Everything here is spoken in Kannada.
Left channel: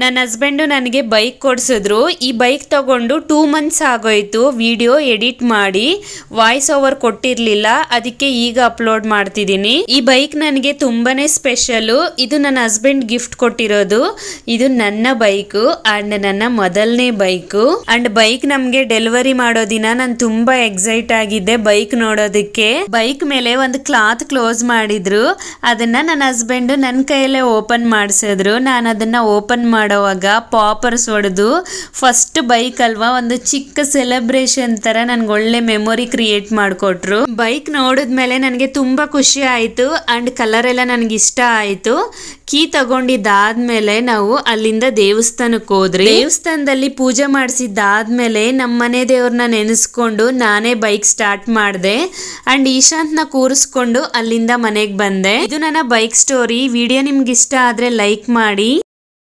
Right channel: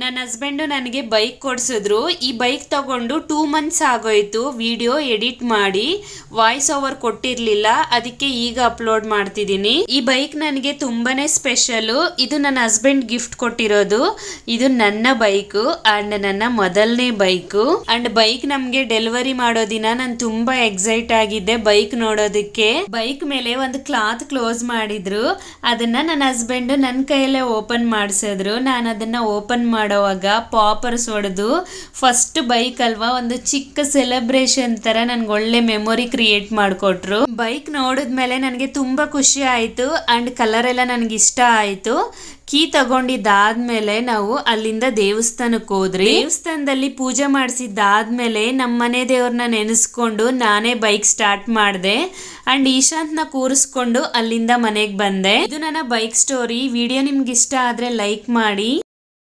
ನನ್ನ ಹಸ್ಬೆಂಡು ನನಗೆ ಬೈಕ್ ಕೊಡಿಸಿದ್ರು. ಈ ಬೈಕ್ ತಗೊಂಡು 2 ಮಂತ್ಸ್ ಆಗೋಯ್ತು. ವಿಡಿಯೋ ಎಡಿಟ್ ಮಾಡಿ ವಾಯ್ಸ್ ಓವರ್ ಕೊಟ್ಟಿರಲಿಲ್ಲ, ಅದಕ್ಕೆ ಈಗ ಅಪ್ಲೋಡ್ ಮಾಡ್ತಿದ್ದೀನಿ. ಈ ಬೈಕ್ ನನಗೆ ತುಂಬಾನೇ ಸ್ಪೆಷಲು. ಇದು ನನ್ನ ಹಸ್ಬೆಂಡ್ ಗಿಫ್ಟ್ ಕೊಟ್ಟಿರೋದು. ಇದು ನನ್ನ ಬೈಕು ಅಂಡ್ ನನ್ನ ಮೊದಲನೇ ಬೈಕು. ಅಂಡ್ ಬೈಕ್ ನಮ್ಗೆ ಡೆಲಿವರಿ ಮಾಡೋ ದಿನ ನಾನು ತುಂಬಾ ಎಕ್ಸೈಟ್ ಆಗಿದ್ದೆ ಬೈಕ್ ನೋಡೋದಕ್ಕೆ. ಬೈಕ್ ಮೇಲೆ ಒಂದು ಕ್ಲಾತ್ ಕ್ಲೋಸ್ ಮಾಡಿದ್ರು. ಅದನ್ನ ನನ್ನ ಹಸ್ಬೆಂಡ್ ನನ್ನ ಕೈಯಲ್ಲೇ ಓಪನ್ ಮಾಡಿಸಿದ್ರು. ನಾನು ಅದನ್ನ ಓಪನ್ ಮಾಡೋವಾಗ ಪಾಪರ್ಸ್ ಹೊಡೆದು, ಫಸ್ಟ್ ಬೈಕ್ ಅಲ್ವಾ, ಒಂದು ಚಿಕ್ಕ ಸೆಲೆಬ್ರೇಷನ್ ತರ ನನ್ಗೆ ಒಳ್ಳೆ ಮೆಮೊರಿ ಕ್ರಿಯೇಟ್ ಮಾಡಿಕೊಟ್ರು. ಬೈಕ್ ನೋಡಿದ್ಮೇಲೆ ನನಗೆ ತುಂಬಾ ಖುಷಿ ಆಯ್ತು ಅಂಡ್ ಕಲರ್ ಎಲ್ಲ ನನಗೆ ಇಷ್ಟ ಆಯ್ತು. ಕೀ ತಗೊಂಡಿದ್ದಾದ್ಮೇಲೆ ನಾವು ಅಲ್ಲಿಂದ ದೇವಸ್ಥಾನಕ್ಕೆ ಹೋದ್ರಿ. ದೇವಸ್ಥಾನದಲ್ಲಿ ಪೂಜೆ ಮಾಡಿಸಿದ್ದಾದ್ಮೇಲೆ ನಮ್ಮ ಮನೆ ದೇವ್ರನ್ನ ನೆನೆಸ್ಕೊಂಡು ನಾನೇ ಬೈಕ್ ಸ್ಟಾರ್ಟ್ ಮಾಡಿದೆ ಅಂಡ್ ಈಶಾಂತ್ನ ಕೂರಿಸ್ಕೊಂಡು ಅಲ್ಲಿಂದ ಮನೆಗೆ ಬಂದೆ. ಇದು ನನ್ನ ಬೈಕ್ ಸ್ಟೋರಿ. ವಿಡಿಯೋ ನಿಮ್ಗೆ ಇಷ್ಟ ಆದ್ರೆ ಲೈಕ್ ಮಾಡಿ.